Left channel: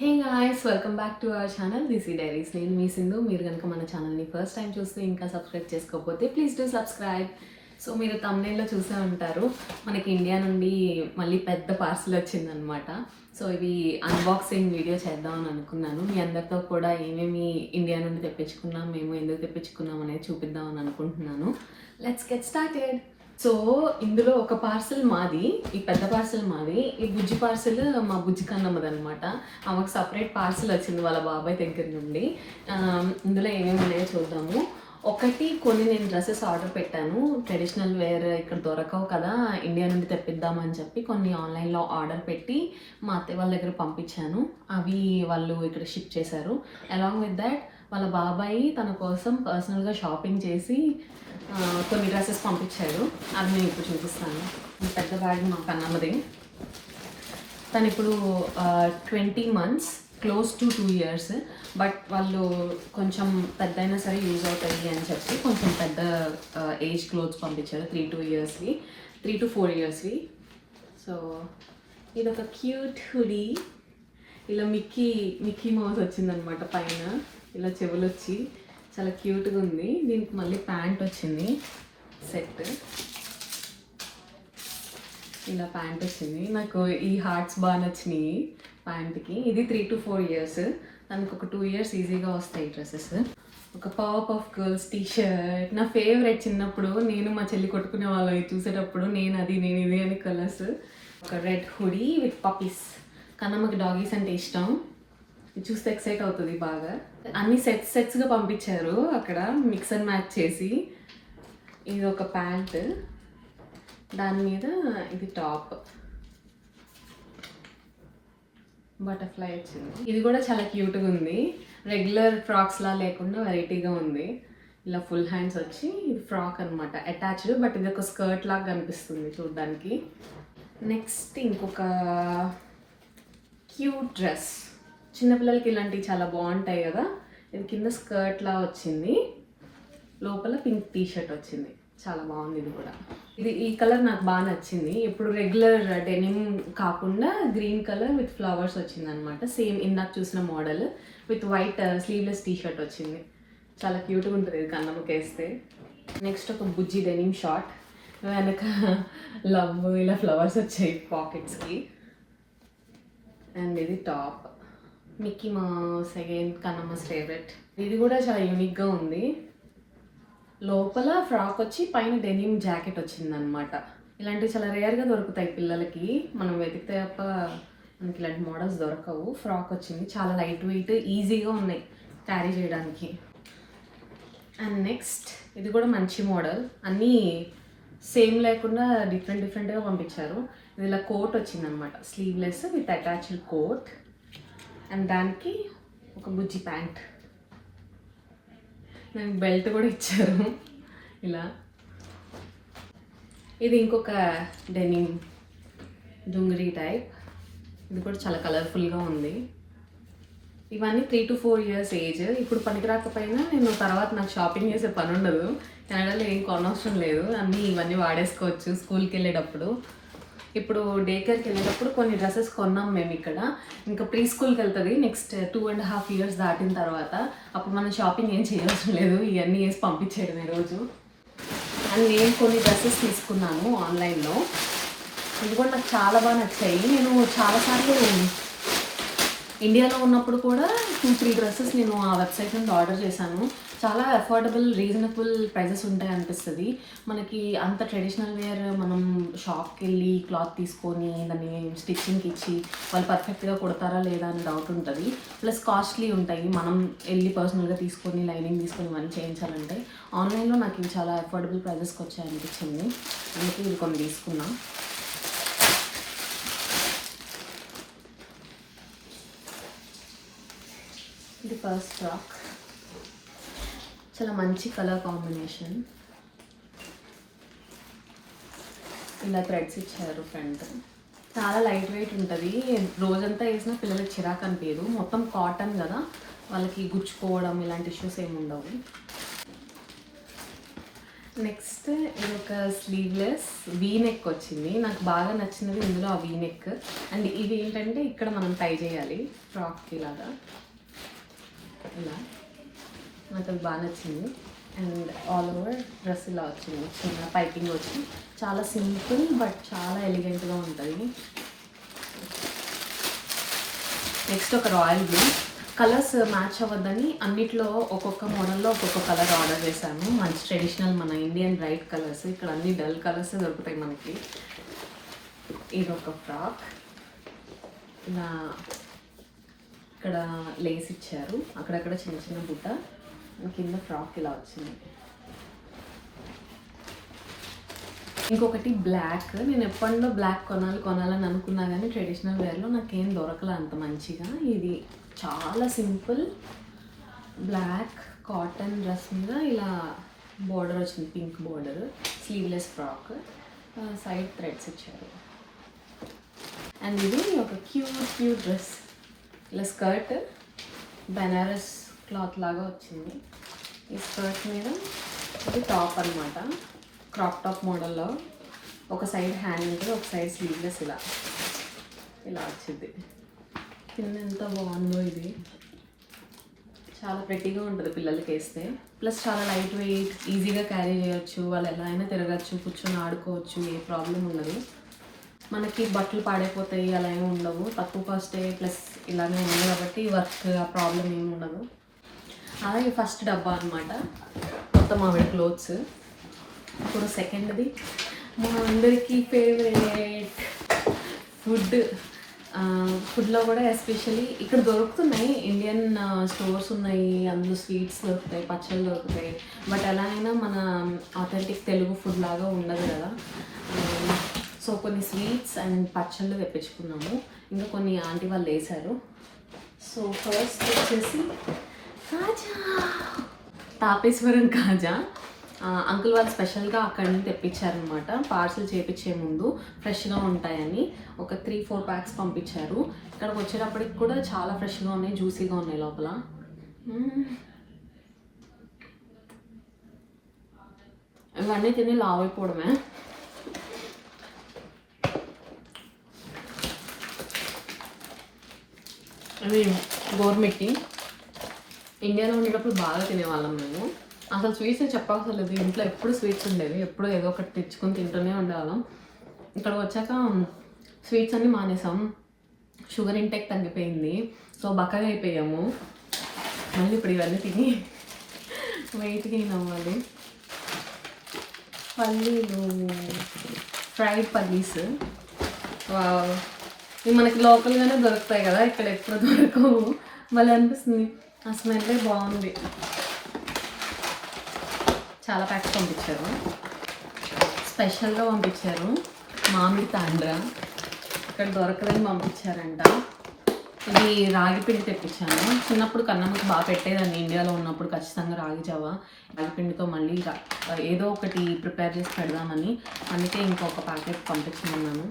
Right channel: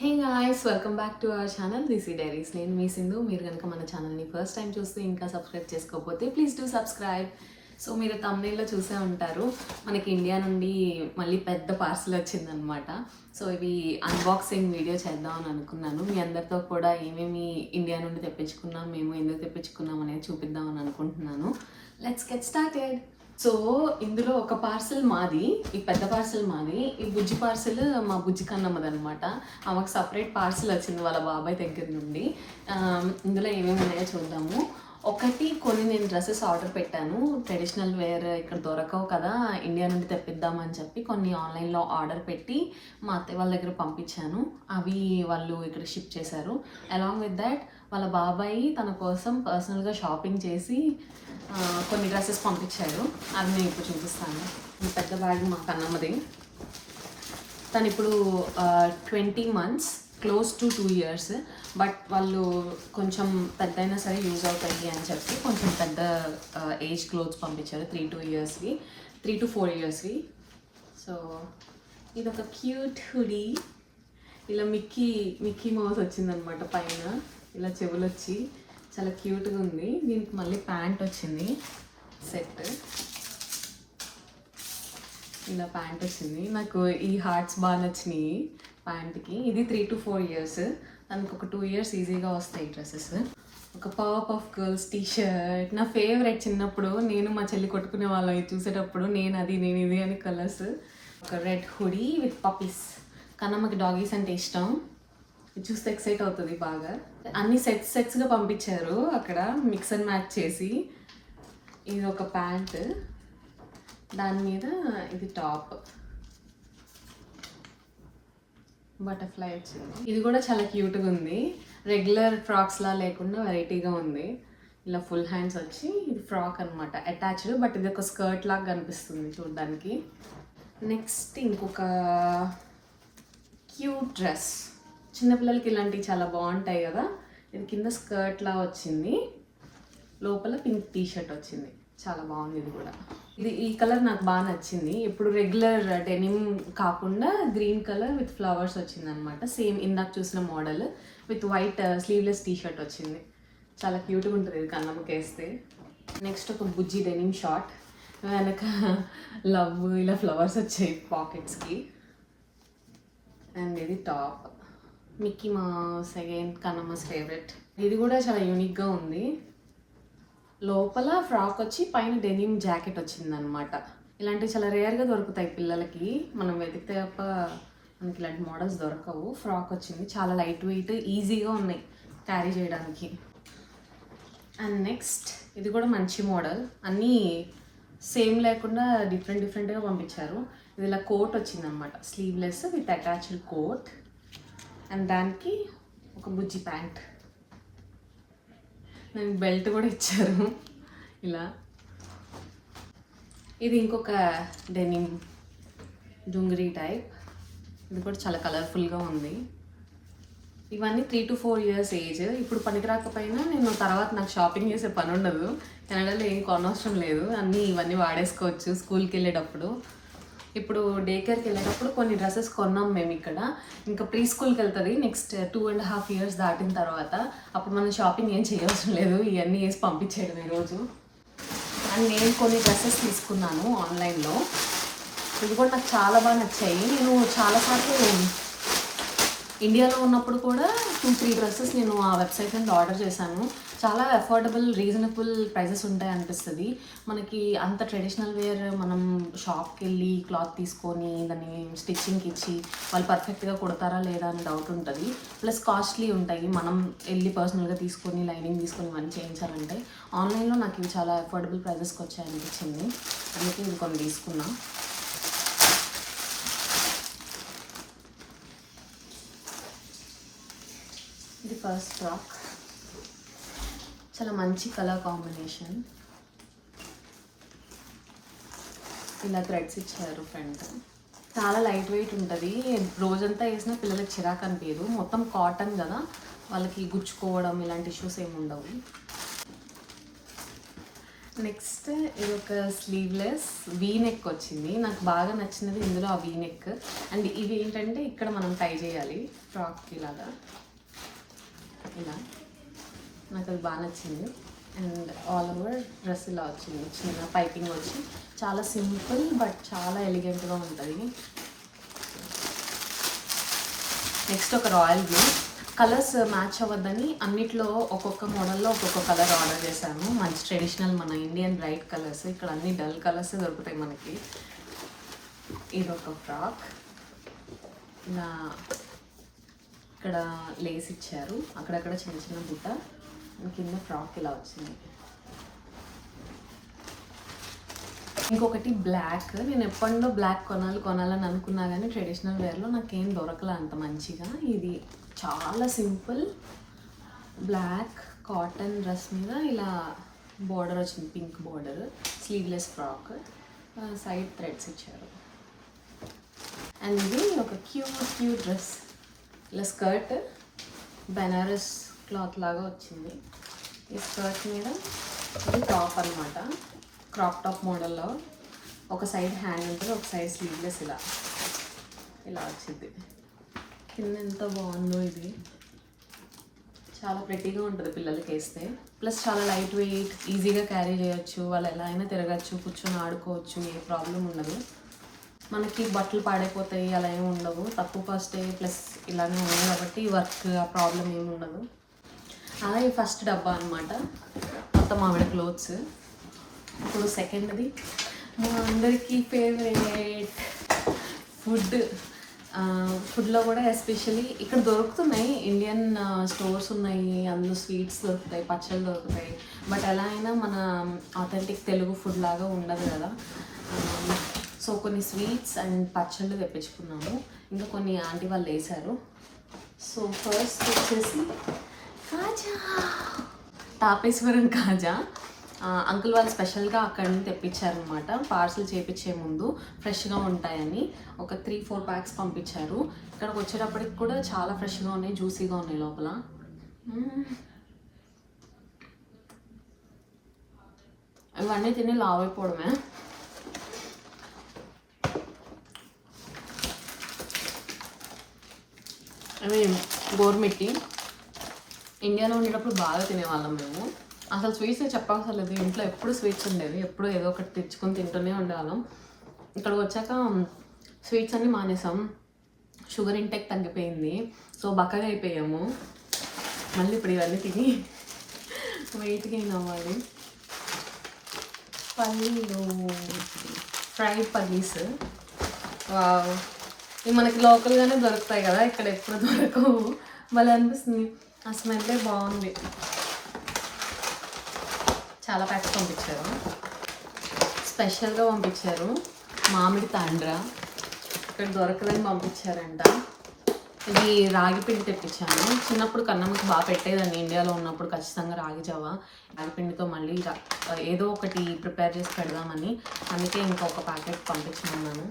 Hey guys, welcome back to our channel దిసి diaries. నేను మీ సింధు. మీరు కనుక మన ఛానల్ని ఫస్ట్ టైం చూస్తూ ఇంకా సబ్స్క్రైబ్ చేసుకోకపోతే ప్లీజ్ డూ సబ్స్క్రైబ్. సో మీరు తమ్నేల్లో చూసే ఉంటారు, మనకి ఇండియా నుండి మళ్ళీ పెద్ద పార్సల్ వచ్చిందనమాట. సో ఇవి అన్బాక్సింగ్ వీడియో చేద్దామని అనుకున్నాను. మీ అందరితో కూడా ఏమేమి ఇండియా నుండి తెప్పించుకున్నాం, మేము ఎందుకు తెప్పించుకున్నాం అనేది చూపిద్దామని అనుకుంటున్నాను. Let's get started. సో ఇందులో ఒక పార్సల్ మాది, ఈ పెద్ద పార్సల్ మాది. ఈ బుజ్జి పార్సల్ మా బుజ్జి కన్నమ్మది అనమాట. ఆమెకు సపరేట్ పార్సల్ వచ్చింది వాళ్ళ బాబాయ్ దగ్గర నుండి. ఇందులో ఏమేమి ఉన్నాయో చూద్దాము. ఒకటి కొన్ని నేను డ్రెస్సెస్ ఆర్డర్ పెట్టాను, ట్రెడిషనల్ వేర్ ఇక్కడ దొరకవు కదా, ఇండియా నుండి తెప్పిద్దామని చెప్పి కొన్ని ఆన్లైన్లో ఆర్డర్ పెట్టి మా అత్తయ్య వాళ్ళ దగ్గర పంపించాను. అవి వాళ్ళు ఇక్కడ షిప్ చేశారు. అలాంగ్ విత్ దాట్ వాళ్ళ బాబాయ్ తన కోసం పర్సనల్గా షాపింగ్ చేసి కొన్ని డ్రెస్సెస్ పంపించాడు. అది నేను ఇప్పుడు చూపిస్తాను. ఈ పెద్ద బ్యాగ్ మా కన్నమ్మది. తను ఇప్పుడు 20 months, close to 2 years. But వాళ్ళు కొంచెం పెద్ద అయినా సరే యూజ్ అవుతుంది అని చెప్పి కొంచెం పెద్ద ఏజ్ క్లోత్స్ పంపించారు. 3 to 4 years. సో ఇది ఒక క్యూట్ హుడీ. ఇలా మిక్కీ మౌస్ వచ్చిందనమాట పైన. ఇలా చెవులు వచ్చి చాలా క్యూట్గా ఉంది. దీనికి మళ్ళీ ప్యాంట్ వచ్చింది సెట్. ఇలా ప్యాంట్ వచ్చింది. నాకు ఈ హార్ట్స్ బాగా నచ్చినాయి ప్యాంట్కి. ఇది 3 to 4 years. దానికి ఒక 2 years ఈజీగా వస్తాయి డ్రెస్సెస్. ఒక power puff girls T shirt నా ఫేవరెట్. చిన్నప్పుడు నేను మా చెల్లి కొట్టుకునే వాళ్ళవి చూసేటప్పుడు నేను ఇది అని కలర్స్. ఒక రెడ్ హుడీ విత్ పప్పీస్. కన్నమ్మకి డాగీస్ అంటే ఇష్టం. ఇది చూస్తే ఎక్సైట్ అవుతుంది బాగా. అన్ని సెట్స్గా పంపించారు అక్కడ, మిక్స్ అండ్ మ్యాచ్ చేసి. ఇది ఒక ప్యాంట్, దాని మీద ఇది టాప్, బటర్ఫ్లై వచ్చింది. ఇది కూడా చాలా క్యూట్గా ఉంది. రెగ్యులర్ ఫ్రాక్స్లా లేకుండా వెరైటీగా ఉంది. ఇలా ఫుల్ హ్యాండ్స్ వచ్చి ఇది ఫ్రాక్ అనమాట, అటాచ్డ్. బట్ ఇది ఒక స్కర్ట్ లాగా కనిపిస్తుంది చూడడానికి. నెక్స్ట్ ఇంకొక క్యూట్ డ్రెస్. చిన్నపిల్లలకి ఇలాంటివి చాలా బాగుంటాయి కదా. ఇది కింద స్కర్ట్లా వచ్చింది, లోపల పింక్ టీ షర్ట్ వచ్చింది. చాలా బాగుంది ఇది కూడా. ఈ కలర్ నాకు బాగా నచ్చింది. ఇప్పుడు రెగ్యులర్ డెనిమ్ కాకుండా గ్రీన్ కలర్ విత్ ఫ్లవర్స్ వచ్చింది అనమాట. సేమ్ ఇందాక చూసిన model with white sleeveless T shirt వచ్చింది. చాలా క్యూట్గా ఉంటుంది ఇది కన్నమ్మకి వేస్తే. నెక్స్ట్ ఒక బుజ్జి డెనిమ్ షార్ట్, వెనక లవ్ ఇలా ఫ్లవర్స్ వచ్చాయి పాకెట్స్కి. అండ్ ఇది top, Mickey Mouse again Kannamma's favourite. ఇది కూడా చాలా యూనిక్గా ఉంది. లోపల ఫ్రాక్ వచ్చి పైన డెనిమ్ జాకెట్ వచ్చింది అనమాట. ఇలాంటివి చాలా రేర్గా దొరుకుతాయి పిల్లలకి, మనం వెతికితే తప్ప మనకి ఇలాంటి మోడల్స్ దొరకవు. ఫ్రాక్ వచ్చింది, చాలా లైట్ వెయిట్, ఈజీగా ఉన్నాయి క్యారీ చేయడానికి. అండ్ నెక్స్ట్ ఇది కూడా మంచి మోడల్. అన్నీ సేమ్ లేకుండా డిఫరెంట్గా పంపించారు. ఇది ఇలా కోట్ వచ్చింది అనమాట, sleeveless with attached coat. And దానికి ఒక బుజ్జి ప్యాంట్, దానికి బెల్ట్ కూడా ఇచ్చారు ఇలా. ఇది ఇంకొక డెనిమ్ డుంగరీ టైప్. ఇది కూడా చాలా కలర్ఫుల్గా ఉంది. ఇవన్నీ 3 to 4 years ఏజ్. ఇప్పుడు పనికి రాకపోయినా నేను తర్వాత నాకు షాపింగ్ చేసే పని ఉండదు. కెనడాలో ఏం కొనవసరం లేదు, అన్నీ ఇవన్నీ వాడేసుకోవచ్చు స్కూల్కి వెళ్ళేటప్పుడు. ఇప్పుడు డే కేర్కి వెళ్ళేటప్పుడు కొన్ని డ్రెస్సెస్ కొన్నాం మేము ఇక్కడ. ఇంకా ప్రీ స్కూల్కి వెళ్తుంది నెక్స్ట్ 2.5 years దాటిన తర్వాత. అప్పుడు మనం షాపింగ్ ఏం చేయవసరం లేదు, ఇవన్నీ వేసి పంపించేయడమే రోజు. అండ్ నేను కొన్ని డ్రెస్సెస్ తీసుకున్నాను ఆన్లైన్లో. ఇవి కూడా నాకు చాలా బాగా నచ్చాయి. నేను చాలాసార్లు ఇండియాలో ఉన్నప్పుడు కూడా 2-3 డ్రెస్సెస్ నేను ఆ వెబ్సైట్ నుండి ఆర్డర్ చేశాను. చాలా అఫోర్డబుల్, రీజనబుల్ ప్రైజెస్ ఉంటాయి అనిపిస్తుంది మనకి. అంత ట్రెడిషనల్ వేర్ మనం షాప్కి వెళ్ళి క్లాత్ తీసుకొని దాన్ని స్టిచ్చింగ్కి ఇచ్చి వాళ్ళు పర్ఫెక్ట్గా కుడతారా లేదా అని డౌట్ ఉంటుంది. ప్లస్ కాస్ట్లీ ఉంటాయి, మనం వెళ్ళి పర్సనల్గా తీసుకొని లైనింగ్ తీసుకొని ఇవన్నీ చేయించాలంటే. ఆన్లైన్లో నాకు ఇవి చాలా అఫోర్డబుల్ ప్రైజెస్కి వచ్చాయి అనిపించింది, అందుకే ఇది కొన్ని తీసుకున్నా. ఇది ఫస్ట్ ఫ్రాక్, చాలా మంచి కలర్ కాంబినేషన్. ఇలా థ్రెడ్స్ ఇచ్చారు ఫ్రంట్. చాలా లైట్ వెయిట్ ఉంటుంది, రోజంతా వేసినా పిల్లలకి చిరాకు అనిపించదు. మొత్తం కాటన్ కదా, వాళ్ళకి గుచ్చుకోవడం ఇలాంటి ఇష్యూస్ ఏమి ఉండవు. నెక్స్ట్ ఇది ఒక స్లీవ్లెస్ వీ నెక్ వచ్చింది. నాకు బాగా నచ్చినది ఇందులో ఆ వీ నెక్. అండ్ ఇవి ఏంటంటే ఇక్కడ మనం టై చేయాలి ఫ్రాక్కి లాగా ఇలా. నాకు అది బాగా నచ్చింది. అండ్ ఆల్ ఓవర్ డ్రెస్ ఇలా వచ్చింది, చిన్న పైపింగ్ వచ్చి. చాలా సింపుల్ బట్ చాలా ఎలిగెంట్గా ఉంటుంది. నెక్స్ట్ ఒక రాయల్ బ్లూ. కలర్స్ మ్యాచ్ అవ్వద్దని అన్నిట్లో ఒక్కొక్క మోడల్లో ఒక్కొక్క కలర్ ఆర్డర్ చేశాను. మంచి ట్రెడిషనల్ మన ఇండియన్ బ్రైట్ కలర్స్. ఇక్కడ అన్ని డల్ కలర్స్ దొరుకుతాయి మనకి. ఇది ఒక ఫ్రాక్. ఇలా ఇక్కడ లేస్ ఇచ్చారు, అక్కడక్కడ చిన్న చిన్న బుట్ట. కింద ఫ్రాక్ ఇలా వచ్చింది. ఇంకొకటి బ్లాక్. నేను ఎప్పటిలో బ్లాక్ కొనాలని అనుకున్నా కానీ ట్రెడిషనల్ వేర్లో నాకేం దొరకలే అంత మంచిగా. ఇది చాలా సింపుల్ బ్లాక్ కాటన్ డ్రెస్ మీద ఇలా బోర్డర్ వచ్చింది, pink border. Sleeveless frock, side threads ఇచ్చారు. అండ్ ఇది ఒక క్యూట్ డ్రెస్. ఇలా స్కర్ట్ బెనారస్ క్లాత్ లాగా వచ్చింది. ఈ స్కర్ట్ మీద ఇది టాప్ అనమాట, క్రాప్ టాప్ మోడల్లో. ఒక సైడ్ హ్యాండ్ ఉంటుంది, ఒక సైడ్ స్లీవ్లెస్ ఇలా వచ్చింది. కింద ఎంత బాగుందో ఇది. చాలా ప్రెట్టీగా ఉంటుంది పిల్లలకి వేస్తే. ప్లస్ చాలా లైట్ వెయిట్, ఈజీగా క్యారీ చేయొచ్చు. వాళ్ళు ఎలా అయినా తిరగచ్చు, కూర్చొని ఆడుకోవచ్చు, ఏ ప్రాబ్లం ఉండదు. మనకి బట్టలు పాడైపోతాయి అలా ఏమి ఉండవు. తక్కువ కాస్టే ప్లస్ ఇలానే ఉంది కాబట్టి వర్క్ ఆ ప్రాబ్లం ఏమి ఉండదు. అలాగే ఫస్ట్ డబ్బా అనమాట, మొత్తం ఆవిడ క్లోత్స్. ఇప్పుడు సెకండ్ది మా అందరికీ ఫేవరెట్ ఫుడ్లో కూడా ఎస్పెషల్లీ ఇక్కడ దొరుకుతున్నాయి. ఇండియన్ స్టోర్స్ ఉన్నాయి, అందులో స్వీట్స్ దొరుకుతాయి, పచ్చళ్ళు దొరుకుతాయి. బట్ ఎలా అయినా మన ఆథెంటిక్ తెలుగు ఫుడ్ లాగా ఉండదు కదా. సో కొన్ని స్వీట్స్ అండ్ పచ్చళ్ళు తెప్పించుకున్నాము. ఇంకా కొన్ని ఆంటీ వాళ్ళు వేశారు. సో ఫస్ట్ వచ్చేసి కాజా, తాపేశ్వరం కాజా. అంకుల్ వాళ్ళు స్పెషల్గా అక్కడి నుంచి తెప్పించారనమాట. పార్సల్ చేయించే ముందు ఫ్రెష్గా ఉంటాయని ఒక 3-4 ప్యాక్స్ పంపించారు. ఇక్కడికి వచ్చేటప్పటికి కూడా చాలా ఫ్రెష్గా ఉన్నాయి, జ్యూసీగా ఉన్నాయి లోపల. ఇవన్నీ తిని లావ్ అయిపోవడమే. అవి గోర్మెట్కి ఇండియాలో ఉండేటప్పుడు బాగా తినేవాళ్ళం మేము. అసలు స్వీట్స్ చెప్పక్కర్లేదు, ఇంట్లో ఎప్పుడు స్వీట్స్ ఉండేవి, ఎప్పుడు ఏదో ఒకటి తెచ్చుకొని తింటూనే ఉండేవాళ్ళం. ఇక్కడ వచ్చాక స్వీట్స్ అన్నీ మానేసాం, షుగర్ ఇంటేక్ తగ్గిపోయింది. సో బక్కగా అయిపోయాము. మళ్ళీ ఇప్పుడు ఇవన్నీ తిని వెయిట్ గెయిన్ అవ్వాలి. పల్లీలు, ఫ్రైడ్ పల్లీస్. ఇవి మనకి లోకల్గానే దొరుకుతాయి కదా, ఇక్కడ ఎప్పుడు దొరకవు. మళ్ళీ అనిపిస్తుంది, ఆ స్మెల్లే బాగుంది. చాలా ప్యాక్స్ పంపించారు, స్పెషల్గా పంపించారు. మామిడి తాండ్ర ఇక్కడ దొరకదని పంపించారంట. ఇది రాగి పిండి తెప్పించాను. చిన్నప్పుడు కన్నమ్మకి బాగా పెట్టేదాన్ని ఇండియాలో ఉన్నప్పుడు, ఖచ్చితంగా రాగి జావా. రాగి పిండితో మళ్ళీ ఏదో ఒకటి ప్రిపేర్ చేసి పెడదామని, అందుకే ఇంకొక ప్యాకెట్ పంపించుకున్నాను.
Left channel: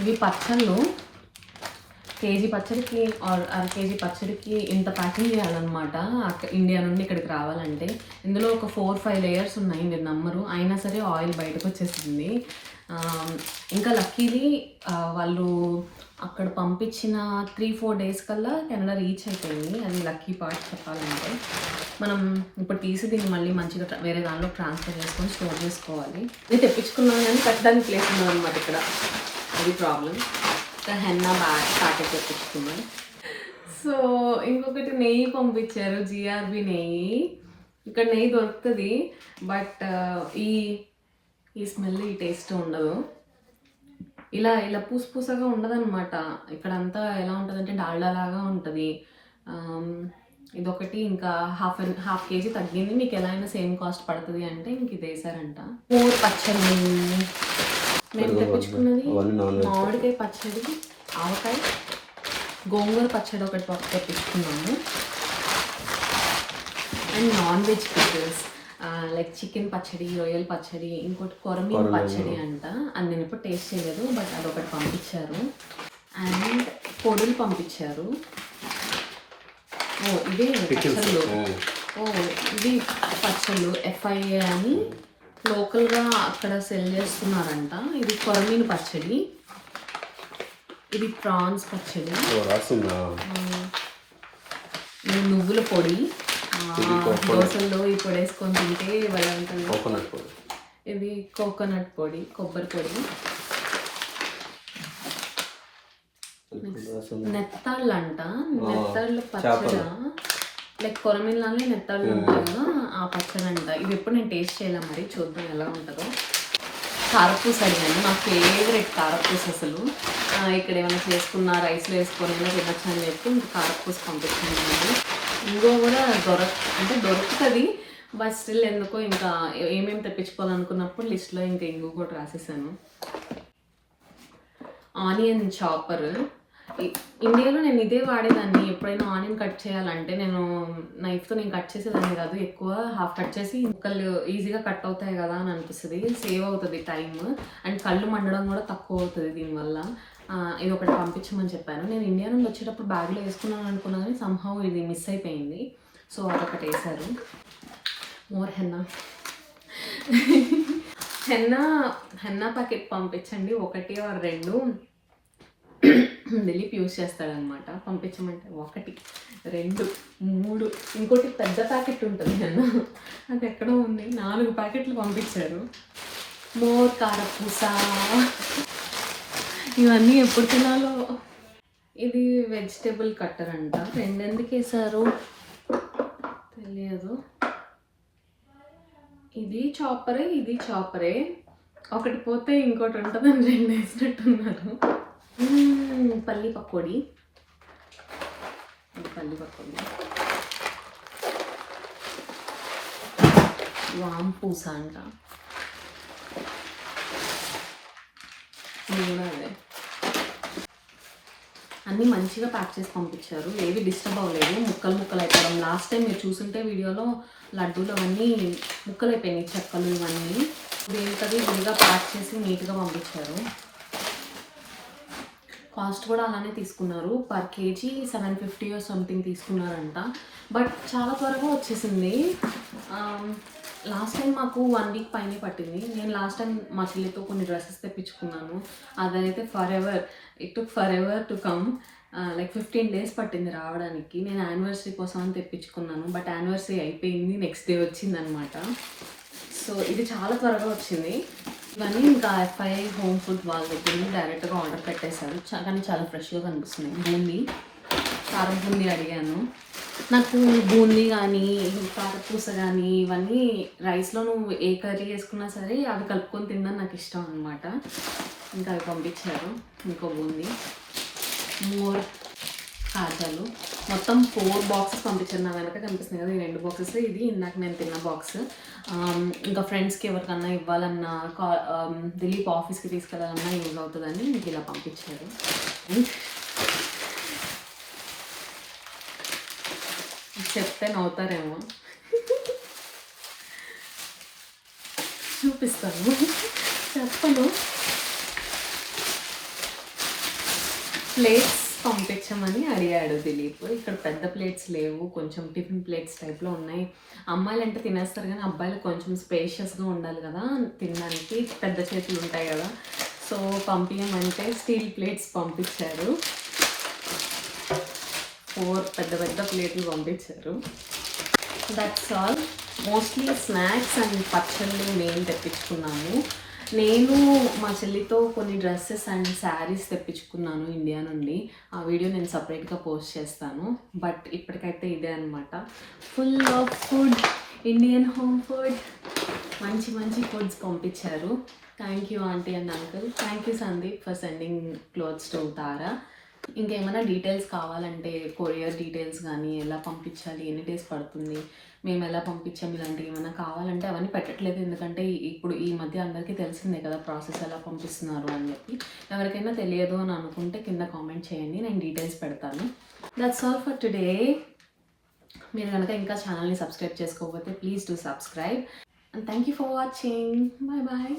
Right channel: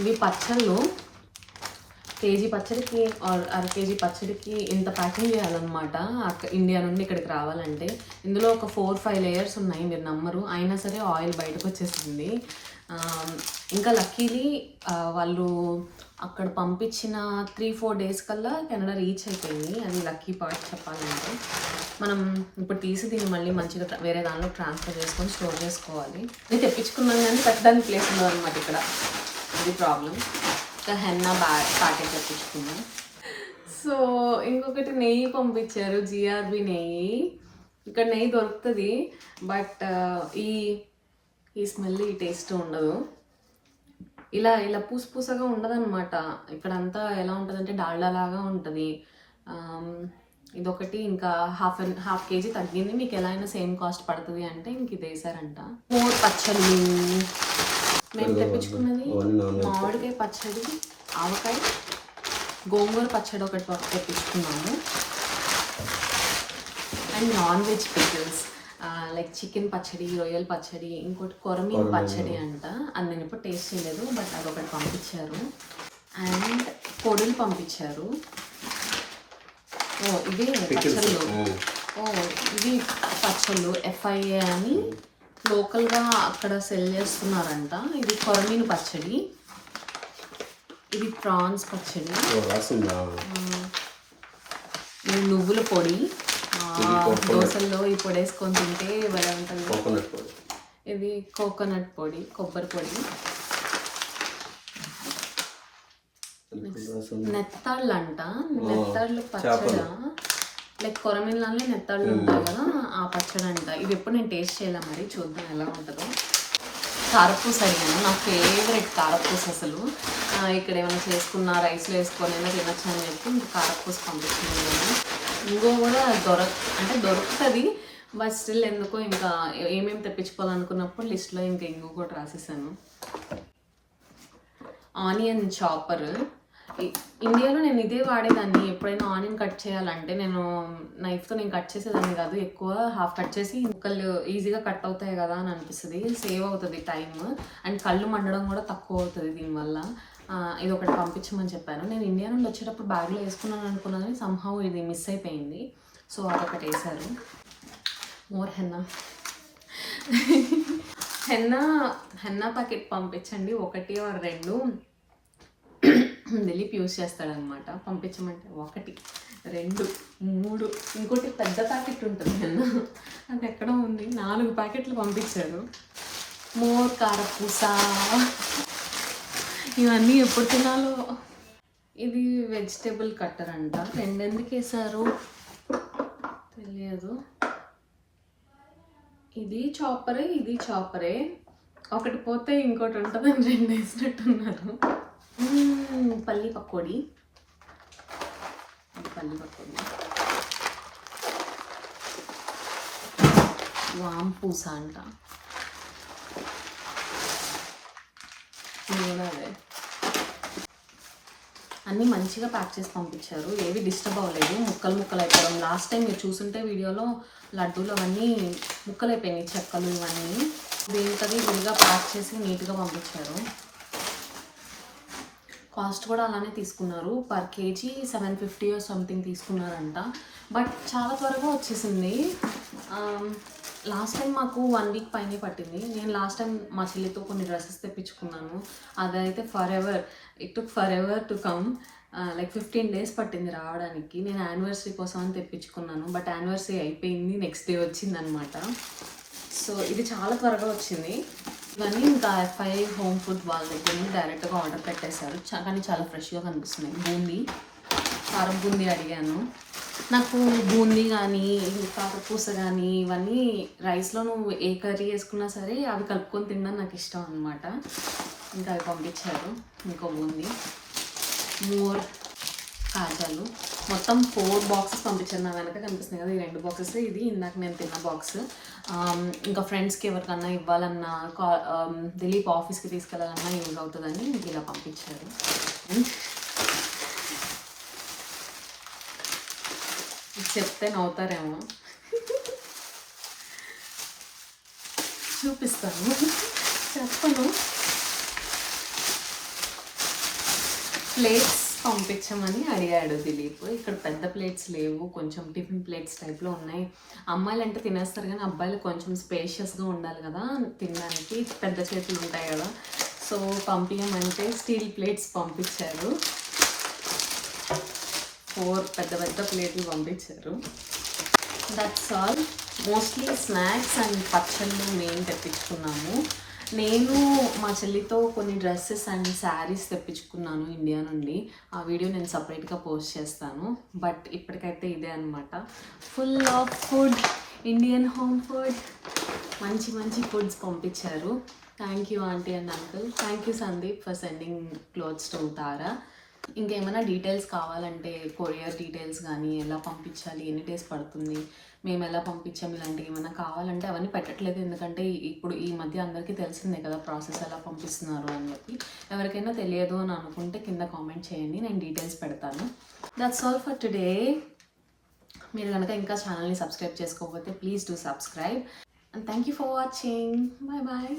ఇవి పచ్చళ్ళు. కేజీ పచ్చడికి ఆర్ అర కేజీ పచ్చడికి ఇంత ప్యాకింగ్ చేయాలన్నమాట ఇండియా నుండి ఇక్కడికి రావాలంటే. ఇందులో ఒక 4-5 లేయర్స్ ఉన్నాయి, మీరు నమ్మరు. అయినా సరే ఆయిల్ బయటకు వచ్చేసింది. ఇంకా లక్కీలీ వాళ్ళు అక్కడ పంపించిన 3-4 డేస్ కల్లా కెనడా రీచ్ అయిపోయింది. అది లక్కీ పార్ట్ చెప్పాలంటే. మనం ఇప్పుడు తీసి దీన్ని మళ్ళీ మంచిగా వేరే దానిలో ట్రాన్స్ఫర్ చేసుకొని స్టోర్ చేసుకోవాలి. ఇది తెప్పించుకున్నాం కానీ పెట్టడానికి ప్లేస్ ఉండదు అనమాట ఇక్కడ, అది ప్రాబ్లం. హెన్నా ప్యాకెట్ తెప్పించుకున్నాం. సో ఇంకొకటి నెయ్యి పంపించారు, జిఆర్బి నెయ్యి. ఇక్కడ నెయ్యి దొరుకుతుంది బట్ ఈ స్మెల్, ఈ టేస్ట్ ఉండదు. ఇలా పూసగా ఉండదు అనమాట. ఇక్కడంతా ఎలా ఉంటుందంటే డాల్డా లాగా ఉంటుంది. ఇదొకటి. ఇంకా హాఫ్ కేజీ తగ్గింది. మీకు ఎలా అయినా సేమ్ కాస్ట్ పడుతుంది అంటే ఇంక ఇది వేసారంట. 4 పచ్చళ్ళు మేము తెప్పించుకున్నది. మామిడికాయ పచ్చడి, ఆవకాయ, గోంగూర పచ్చడి ఒకటి తెప్పించుకున్నాము. And non veg pickles like chicken పచ్చడి, రొయ్యల పచ్చడి, ఇంకోటి కొరమీన్ పచ్చడి అంట. అది నేను ఇప్పుడు టేస్ట్ చేయలేదు బట్ అదొకటి పంపించారు. అండ్ పొడులు పంపించారు. ఇదే పచ్చళ్ళు, ఓ ఇది పచ్చళ్ళు ఎఫ్ఐఏ అని లోకల్గా అక్కడ సెల్ చేస్తున్నారంట. ఇది కొరమీను పచ్చడి, ఇది ప్రాన్స్ పచ్చడి, ఇది నువ్వుల పొడి, దోశల్లో ఈ పొడి వేసుకొని తింటే భలే ఉంటుంది. ఇది కోకోనట్ పొడి, కొబ్బరి పొడి, నెత్తాళ్ళు అంట. నెత్తాళ్ళు పచ్చడా లైక్ కొరమీన్లానే నెత్తాళ్ళు ఉంటాయి కదా, ఆ పచ్చడి అంట. ఇది ఎప్పుడు నేను టేస్ట్ చేయలే, మరి చూద్దాం ఎలా ఉంటుందో. కారపూస అడిగాను, నా ఫేవరెట్ కారపూస అసలు. ఇక్కడ ఏమైనా చేసుకున్న రైస్లో వేసుకొని అయినా తినచ్చు అని చెప్పి ఇంకా కారపూస పంపించుకున్నాను. ఇంకో కూడా దొరుకుతుంది, బట్ స్టిల్ ఎందుకో ఇంకా ఏమేమి తెప్పించుకోవాలనుకున్నప్పుడు లిస్ట్లో ఇంకా ఇంకో కూడా రాసేసాను. ఆనియన్ చాపర్, ఇండియాలో నేను ఇదే వాడేదాన్ని. ఎప్పుడైనా ఆనియన్ కట్ చేయాలంటే నేను నైఫ్తో కట్ చేసేదాన్ని కాదు, ఎక్కువ హాఫ్ కట్ చేసి ముక్కలు ఈజీగా కట్ అవుతాయి కదా అని అనిపిస్తుంది. సేవ్ అవుతుంది టైం అండ్ కళ్ళు మండడం కూడా తక్కువ అవుతుంది దీనివల్ల. ఇది ఒకటి పంపించమని చెప్పాను. నేను ఇండియా నుండి వచ్చేటప్పుడు బ్యాగ్లో వేసుకున్నాను అనుకున్నాను, కానీ సంహౌ ఇది మిస్ అయిపోయింది. సో అదొకటి వేశారు. మోర్ హెన్నా ప్యాకెట్ పంపించండి, 1 or 2 దిలీప్ యూజ్ చేస్తాడనమాట. పంపించమంటే 1, 2, 3, ఇంకోటి పెద్ద ప్యాకెట్ ఉంటుంది హెన్నా, అది ఎక్కడో ఉంది. 4 ప్యాకెట్లు పంపించారు. మోర్ కారపూస, ఇవన్నీ ఎప్పుడు తినాలో. ఇది వెజిటేబుల్ కట్టర్ అంట. 2 ఎందుకు వేసారు తెలియదు. ఇది చాపరే, ఒకటి పోతే ఇంకోటి ఉంటుందని 2 వేసినట్టున్నారు. పల్లి పకోడీ, వాంపూస అంట. అన్నీ మంచిగా ప్యాక్ చేసి పంపించారు, ఏవి డిస్టర్బ్ అవ్వలేదు. ముక్కలు అయిపోవడం, లాస్ట్ టైం మీరు చూసుంటే వీడియోలో లడ్డూలు అవన్నీ ముక్కలు అయిపోయినాయి, చెక్కలు ఇవన్నీ. దేనికది విడిగా ప్యాక్ చేసి నీట్గా పంపించారు. కాస్ట్ కూడా అలానే తీసుకున్నారు, పర్ కేజీ 750 or సంథింగ్ తీసుకున్నారంట. బట్ చాలా త్వరగా వచ్చేసింది. లాస్ట్ టైం మాకు 1 week పైనే పట్టింది. నేను లాస్ట్ టైం మా చెల్లితో కొన్ని డ్రెస్సెస్ తెప్పించుకున్నాను, అదైతే it took for ever to come. Like 15 days పట్టింది రావడానికి. నేను యానివర్సరీ కోసం అని తెప్పించుకున్నాను, బట్ యానివర్సరీ అయిపోయింది, నెక్స్ట్ డే వచ్చిందనమాట. సో ఇది చాలా త్వరగా వచ్చింది. ఇవన్నీ ఇంకా ఎఫ్ఐ హోమ్ ఫుడ్ వాళ్ళ దగ్గర నుంచి డైరెక్ట్గా ఆర్డర్ పెట్టేశారు, కానీ చాలా ఫ్రెష్గా కనిపిస్తుంది. కారం బూందీ అడిగాను. నాకు బూందీ కానీ కారపూస కానీ ఇవన్నీ రైస్లో నువ్వు ఏ కర్రీ వేసుకున్నా సరే అవి కలుపుకొని తినడం నాకు ఇష్టం అనమాట. ఇంకా అవి పంపించారు. ఇంకో బూందీ, 3 కాజాలు, మొత్తం 4 boxes పంపించారు. నా వెనక కనిపిస్తున్నాయి కదా, ఈ 2 boxes, ఇది ఇందాక నేను తిన్న బాక్స్. ఇంకా ఫ్రెండ్స్కి ఎవరికన్నా ఇవ్వాలన్నా, దిలీప్ ఆఫీస్కి తీసుకెళ్ళాలన్నా యూజ్ అవుతుందని మీకు ఇలా పంపించారు. చెప్తే నవ్వుతారేమో, చూపిస్తాను, చెప్పను. ప్లేట్స్ పంపించమని అడిగాడు దిలీప్. ఇక్కడ పెద్ద ప్లేట్స్ లేవు, కొంచెం టిఫిన్ ప్లేట్స్ టైప్లో ఉన్నాయి. అమ్మాయిలు అంటే తినేస్తారు కానీ అబ్బాయిలు కొంచెం స్పేషియస్గా ఉండాలి కదా తినడానికి, పెద్ద చేతులు ఉంటాయి కదా. సో పంపించమంటే స్టీల్ ప్లేట్స్ పంపించారు. 4 పెద్ద ప్లేట్లు పంపించారు. That's all. Mostly snacks and పచ్చళ్ళు మేము తెప్పించుకున్నాము. నేను మా చెల్లితో కొన్ని డ్రెస్సెస్ అండ్ శారీస్ తెప్పించుకున్నాను ఇండియా నుండి. ఆ వీడియో నేను సపరేట్గా పోస్ట్ చేస్తాను. బట్ ఇప్పటికైతే ఇదే అనమాట, full of food, Indian home food. మంచి ఫుడ్స్ పంపించారు. Thank you aunty and uncle. Thank you Sandeep for sending clothes to Tara. ఇంకేమైనా డీటెయిల్స్ కావాలంటే కొరియర్ డీటెయిల్స్ కానీ, ఎలా పంపించాలి, ఎన్ని డేస్ పడుతుంది, మేము ఎలా పంపించాము, ఇలాంటివి ఏమైనా కావాలంటే అవన్నీ పెట్టట్లేదు. ఎందుకంటే ఇప్పుడు ఈ మధ్య అందరికీ తెలిసిందే కదా ప్రాసెస్ ఎలా పంపిస్తున్నారు అని చెప్పి. ఎవరికైనా తెలియదు అని అనుకుంటే కింద కామెంట్ చేయండి, నేను డీటెయిల్స్ పెడతాను. That's all for today. మీరు కనుక ఇంకా ఛానల్ని సబ్స్క్రైబ్ చేసుకోకపోతే please do subscribe. And thank you for watching. Bye bye.